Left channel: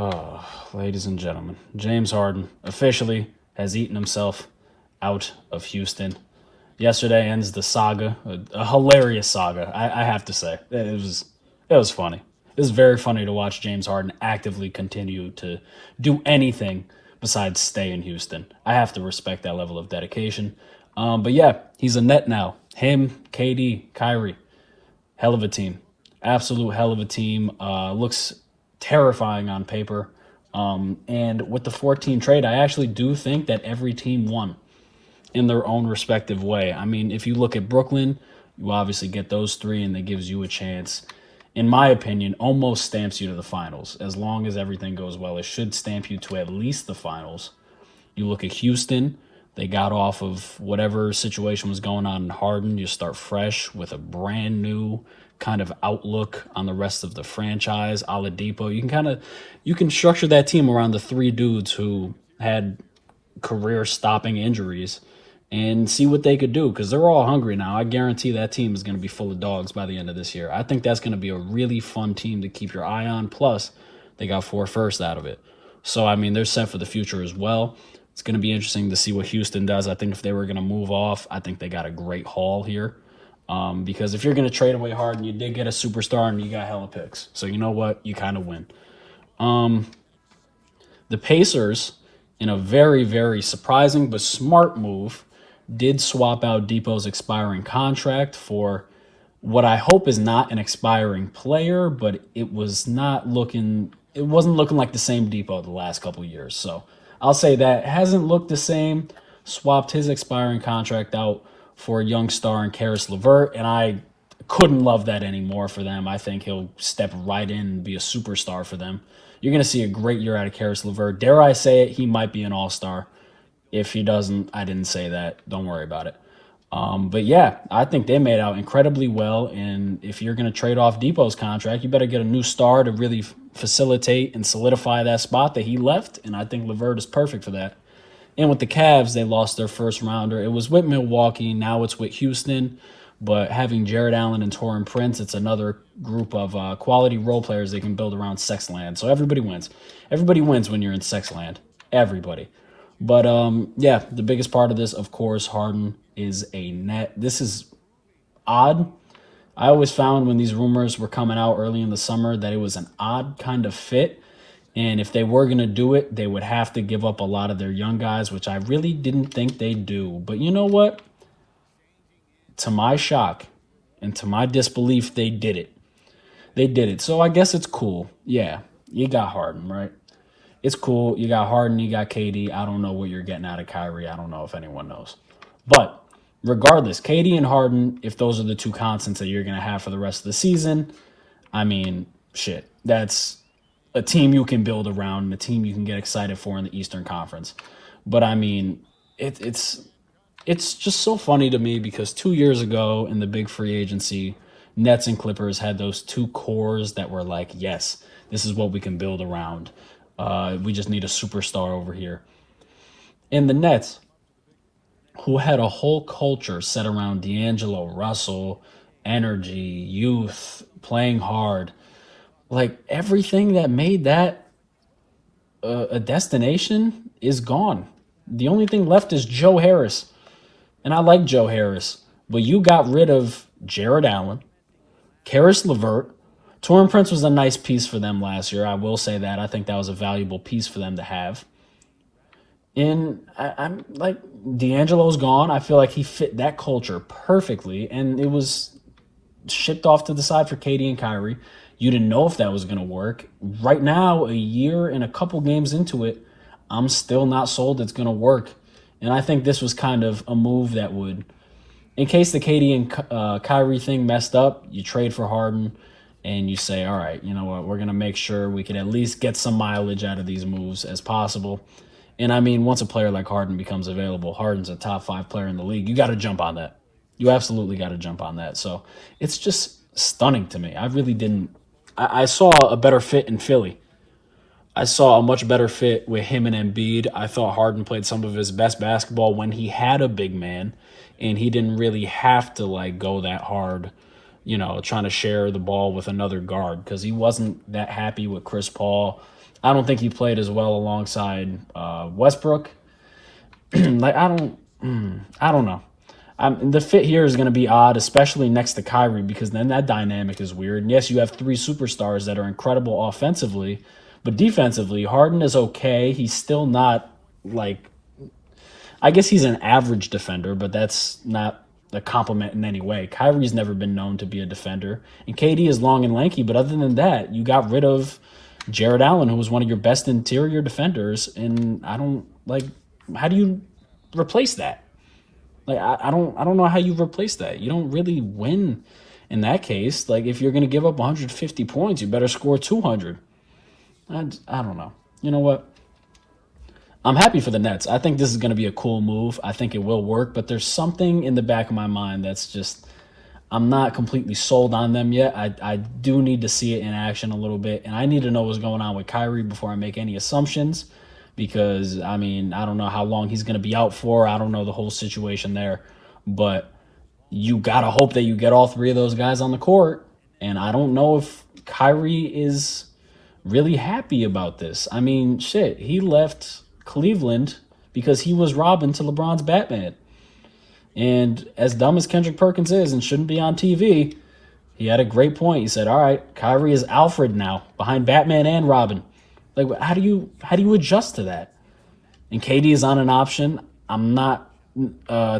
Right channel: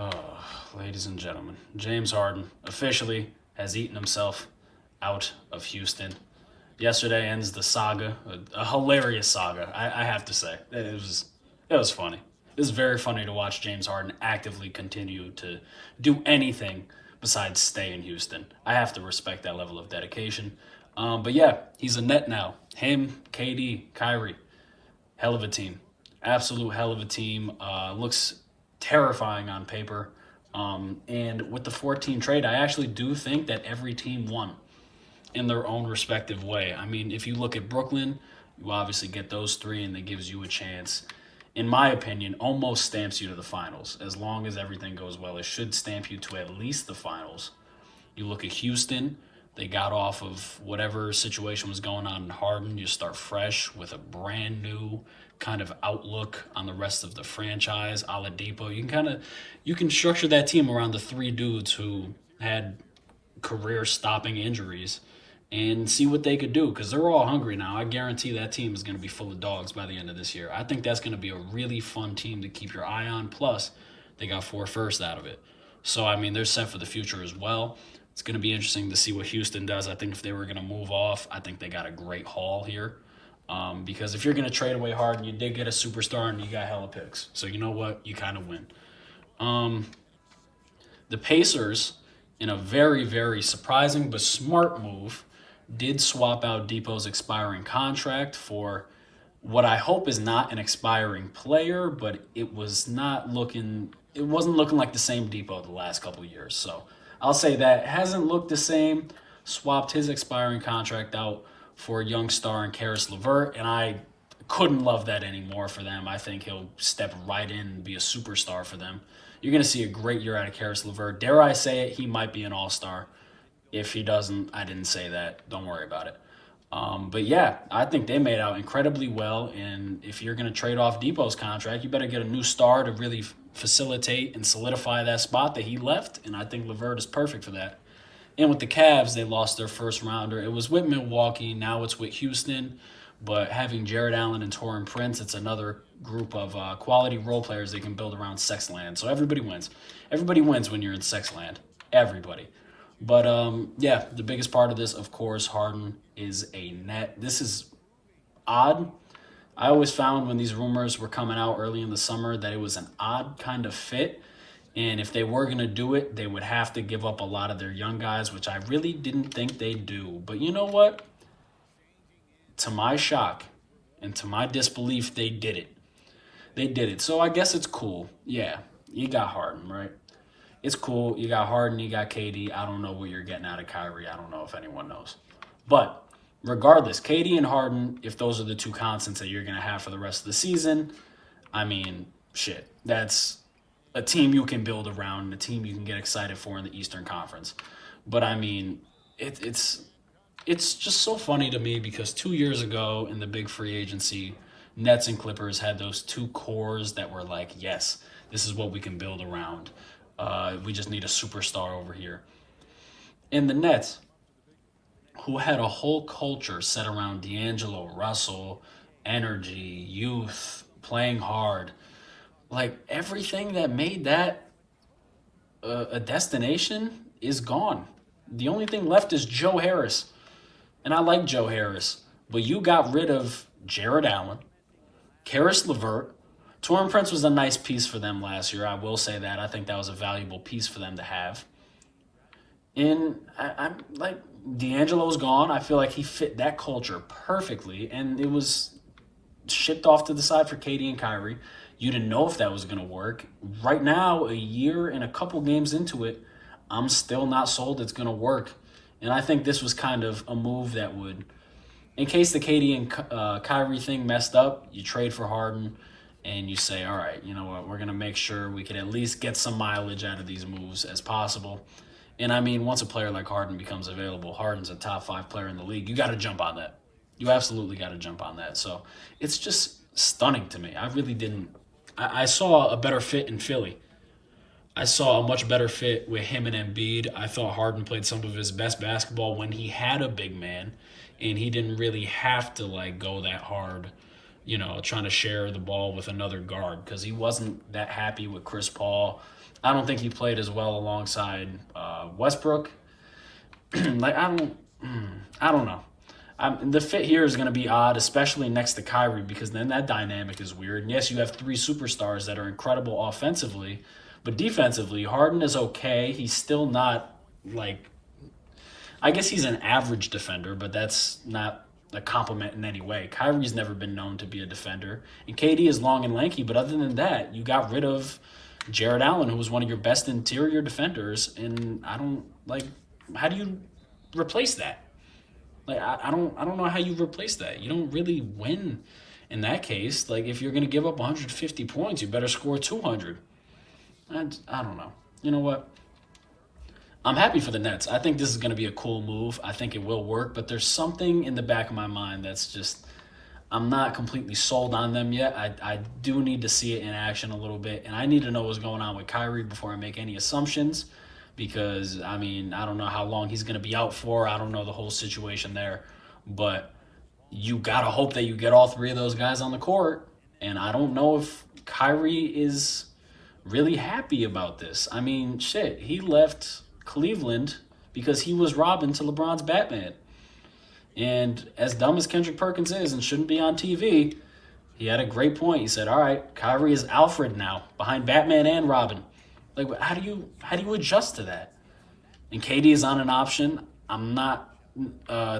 Oh, ladies and gentlemen, James Harden officially has eaten himself out of Houston. Yesterday ends the saga, a hilarious saga. I have to say, it was funny. It was very funny to watch James Harden actively continue to do anything besides stay in Houston. I have to respect that level of dedication. But yeah, he's a net now. Him, KD, Kyrie, hell of a team. Absolute hell of a team. Looks terrifying on paper. And with the 14 trade, I actually do think that every team won in their own respective way. I mean, if you look at Brooklyn, you obviously get those three, and that gives you a chance. In my opinion, almost stamps you to the finals. As long as everything goes well, it should stamp you to at least the finals. You look at Houston, they got off of whatever situation was going on in Harden. You start fresh with a brand new kind of outlook on the rest of the franchise. Oladipo, you can structure that team around the three dudes who had career-stopping injuries and see what they could do because they're all hungry now. I guarantee that team is going to be full of dogs by the end of this year. I think that's going to be a really fun team to keep your eye on. Plus, they got 4 firsts out of it. So, I mean, they're set for the future as well. It's going to be interesting to see what Houston does. I think if they were going to move off, I think they got a great haul here. Because if you're going to trade away Harden, you did get a superstar and you got hella picks. So, you know what? You kind of win. The Pacers, in a very, very surprising but smart move, did swap out Depot's expiring contract for what I hope is not an expiring player, but it wasn't looking like the same Depot the last couple of years. So I'll say that hasn't looked the same. Swapped his expiring contract out for a young star in Karis LeVert, and I couldn't love that anymore for them. I think he'll step right in and be a superstar for them. You're going to see a great year out of Karis LeVert. Dare I say it, he might be an all-star. If he doesn't, I didn't say that. Don't worry about it. But yeah, I think they made out incredibly well. And if you're going to trade off Depot's contract, you better get a new star to really facilitate and solidify that spot that he left. And I think LeVert is perfect for that. And with the Cavs, they lost their first rounder. It was with Milwaukee. Now it's with Houston. But having Jared Allen and Torrin Prince, it's another group of quality role players they can build around Sexland. So everybody wins. Everybody wins when you're in Sexland. Everybody. But yeah, the biggest part of this, of course, Harden is a net. This is odd. I always found when these rumors were coming out early in the summer that it was an odd kind of fit. And if they were going to do it, they would have to give up a lot of their young guys, which I really didn't think they'd do. But you know what? To my shock and to my disbelief, they did it. They did it. So I guess it's cool. Yeah, you got Harden, right? It's cool. You got Harden, you got KD. I don't know what you're getting out of Kyrie. I don't know if anyone knows. But regardless, KD and Harden, if those are the two constants that you're going to have for the rest of the season, I mean, shit. That's a team you can build around and a team you can get excited for in the Eastern Conference. But I mean, it's just so funny to me because 2 years ago in the big free agency, Nets and Clippers had those two cores that were like, yes, this is what we can build around. We just need a superstar over here. And the Nets, who had a whole culture set around D'Angelo Russell, energy, youth, playing hard, like everything that made that a destination is gone. The only thing left is Joe Harris. And I like Joe Harris, but you got rid of Jared Allen, Karis LeVert. Torrin Prince was a nice piece for them last year. I will say that. I think that was a valuable piece for them to have. And I'm like, D'Angelo's gone. I feel like he fit that culture perfectly. And it was shipped off to the side for KD and Kyrie. You didn't know if that was going to work. Right now, a year and a couple games into it, I'm still not sold it's going to work. And I think this was kind of a move that would, in case the KD and Kyrie thing messed up, you trade for Harden and you say, all right, you know what, we're going to make sure we can at least get some mileage out of these moves as possible. And I mean, once a player like Harden becomes available, Harden's a top 5 player in the league. You got to jump on that. You absolutely got to jump on that. So it's just stunning to me. I really didn't. I saw a better fit in Philly. I saw a much better fit with him and Embiid. I thought Harden played some of his best basketball when he had a big man, and he didn't really have to like go that hard, trying to share the ball with another guard because he wasn't that happy with Chris Paul. I don't think he played as well alongside Westbrook. Like I don't know. The fit here is going to be odd, especially next to Kyrie, because then that dynamic is weird. And yes, you have three superstars that are incredible offensively, but defensively, Harden is okay. He's still not like, I guess he's an average defender, but that's not a compliment in any way. Kyrie's never been known to be a defender, and KD is long and lanky, but other than that, you got rid of Jared Allen, who was one of your best interior defenders, and I don't like. How do you replace that? Like I don't know how you replace that. You don't really win in that case. Like if you're gonna give up 150 points, you better score 200. I don't know. You know what? I'm happy for the Nets. I think this is going to be a cool move. I think it will work, but there's something in the back of my mind that's just, I'm not completely sold on them yet. I do need to see it in action a little bit, and I need to know what's going on with Kyrie before I make any assumptions because, I mean, I don't know how long he's going to be out for. I don't know the whole situation there, but you got to hope that you get all three of those guys on the court, and I don't know if Kyrie is really happy about this. I mean, shit, he left Cleveland because he was Robin to LeBron's Batman. And as dumb as Kendrick Perkins is and shouldn't be on TV, he had a great point. He said, all right, Kyrie is Alfred now, behind Batman and Robin. Like, how do you adjust to that? And KD is on an option. I'm not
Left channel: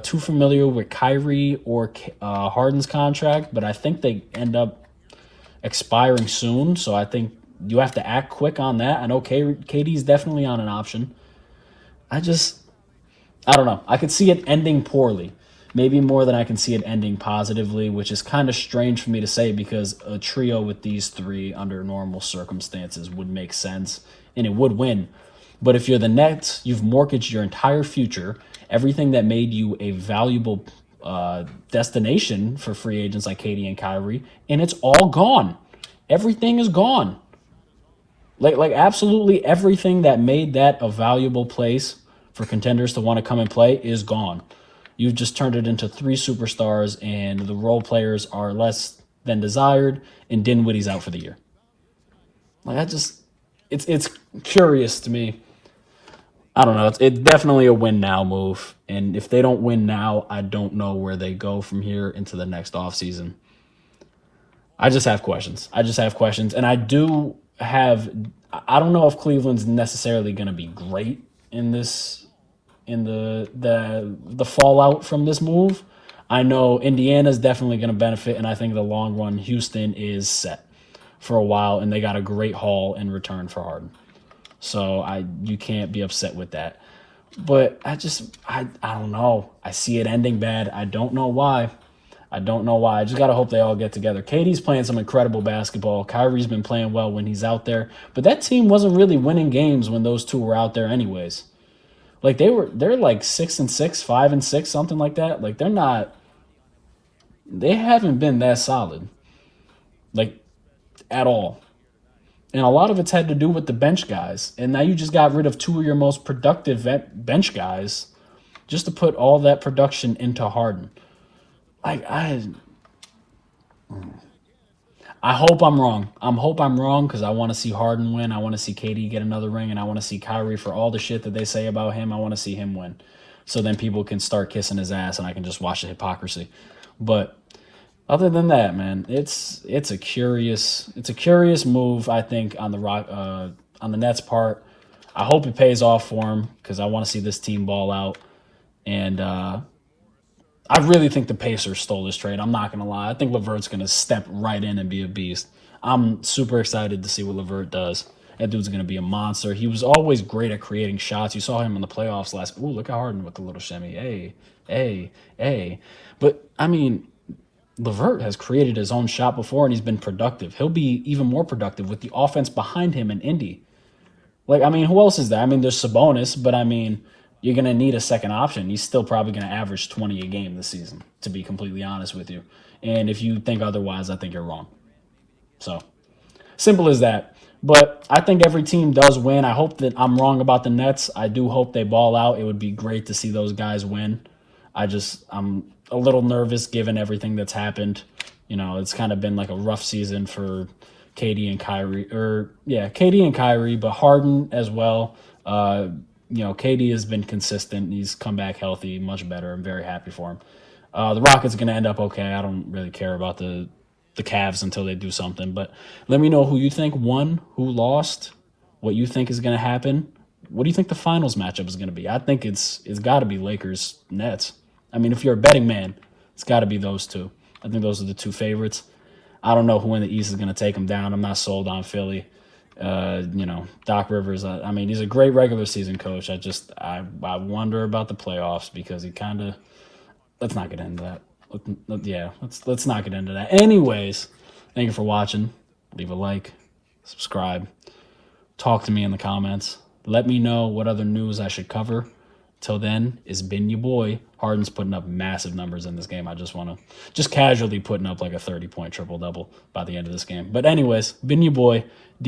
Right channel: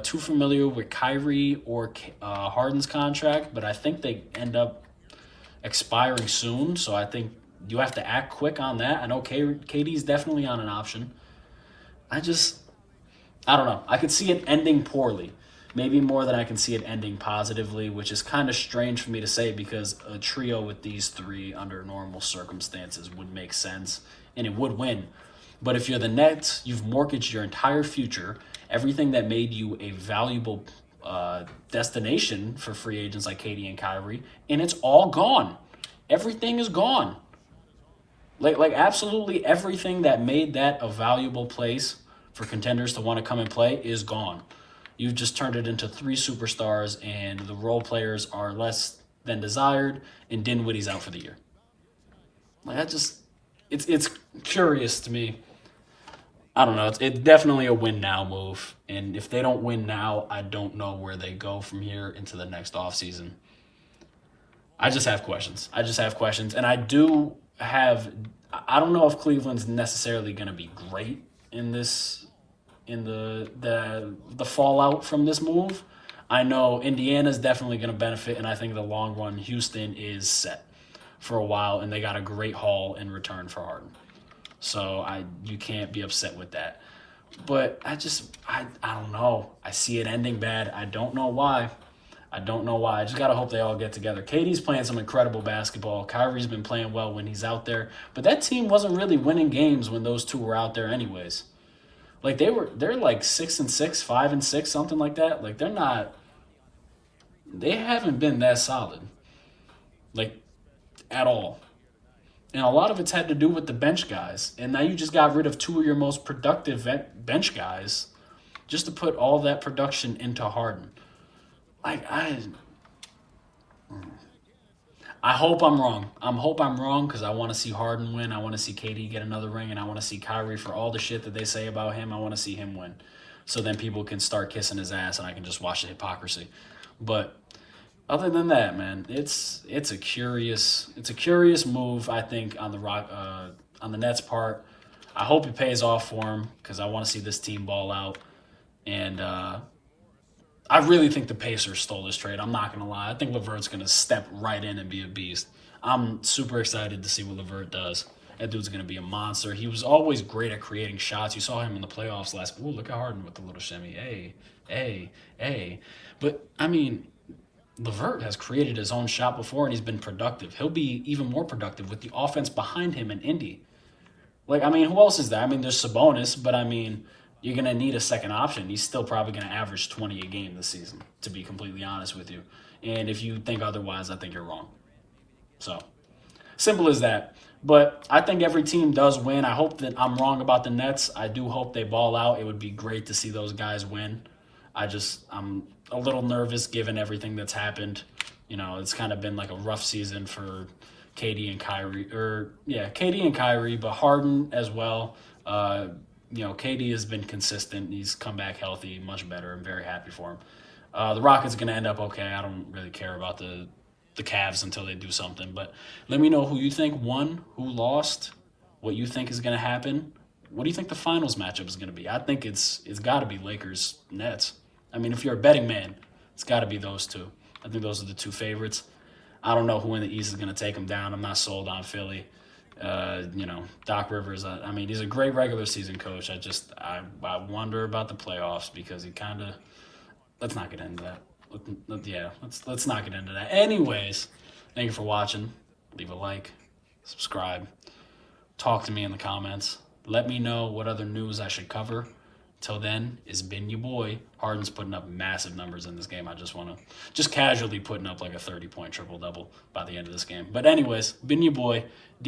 too familiar with Kyrie or Harden's contract, but I think they end up expiring soon. So I think you have to act quick on that. I know KD's definitely on an option. I don't know. I could see it ending poorly. Maybe more than I can see it ending positively, which is kind of strange for me to say because a trio with these three under normal circumstances would make sense and it would win. But if you're the Nets, you've mortgaged your entire future, everything that made you a valuable destination for free agents like KD and Kyrie, and it's all gone. Everything is gone. Like absolutely everything that made that a valuable place for contenders to want to come and play is gone. You've just turned it into three superstars, and the role players are less than desired, and Dinwiddie's out for the year. Like it's curious to me. I don't know. It's definitely a win now move, and if they don't win now, I don't know where they go from here into the next offseason. I just have questions. And I don't know if Cleveland's necessarily going to be great in the fallout from this move. I know Indiana's definitely going to benefit, and I think the long run, Houston is set for a while, and they got a great haul in return for Harden. So you can't be upset with that. But I don't know. I see it ending bad. I don't know why. I just got to hope they all get together. KD's playing some incredible basketball. Kyrie's been playing well when he's out there. But that team wasn't really winning games when those two were out there anyways. Like they're like 6-6, 5-6, something like that. Like they haven't been that solid. Like at all. And a lot of it's had to do with the bench guys. And now you just got rid of two of your most productive bench guys just to put all that production into Harden. I hope I'm wrong. I hope I'm wrong because I want to see Harden win. I want to see KD get another ring, and I want to see Kyrie, for all the shit that they say about him, I want to see him win. So then people can start kissing his ass, and I can just watch the hypocrisy. But other than that, man, it's a curious move. I think on the Nets' part. I hope it pays off for him because I want to see this team ball out. And I really think the Pacers stole this trade. I'm not going to lie. I think LeVert's going to step right in and be a beast. I'm super excited to see what LeVert does. That dude's going to be a monster. He was always great at creating shots. You saw him in the playoffs last. Ooh, look at Harden with the little shimmy. Hey. But, I mean, LeVert has created his own shot before, and he's been productive. He'll be even more productive with the offense behind him in Indy. Like, I mean, who else is there? I mean, there's Sabonis, but, I mean, you're going to need a second option. He's still probably going to average 20 a game this season, to be completely honest with you. And if you think otherwise, I think you're wrong. So, simple as that. But I think every team does win. I hope that I'm wrong about the Nets. I do hope they ball out. It would be great to see those guys win. I'm a little nervous given everything that's happened. It's kind of been like a rough season for KD and Kyrie, KD and Kyrie, but Harden as well. KD has been consistent. He's come back healthy, much better. I'm very happy for him. The Rockets are going to end up okay. I don't really care about the Cavs until they do something. But let me know who you think won, who lost, what you think is going to happen. What do you think the finals matchup is going to be? I think it's got to be Lakers Nets. I mean, if you're a betting man, it's got to be those two. I think those are the two favorites. I don't know who in the East is going to take them down. I'm not sold on Philly. Doc Rivers. I mean, he's a great regular season coach. I wonder about the playoffs because he kind of. Let's not get into that. Let's not get into that. Anyways, thank you for watching. Leave a like, subscribe, talk to me in the comments. Let me know what other news I should cover. Till then, it's been your boy. Harden's putting up massive numbers in this game. I just want to, just casually putting up like a 30-point triple-double by the end of this game. But anyways, been your boy.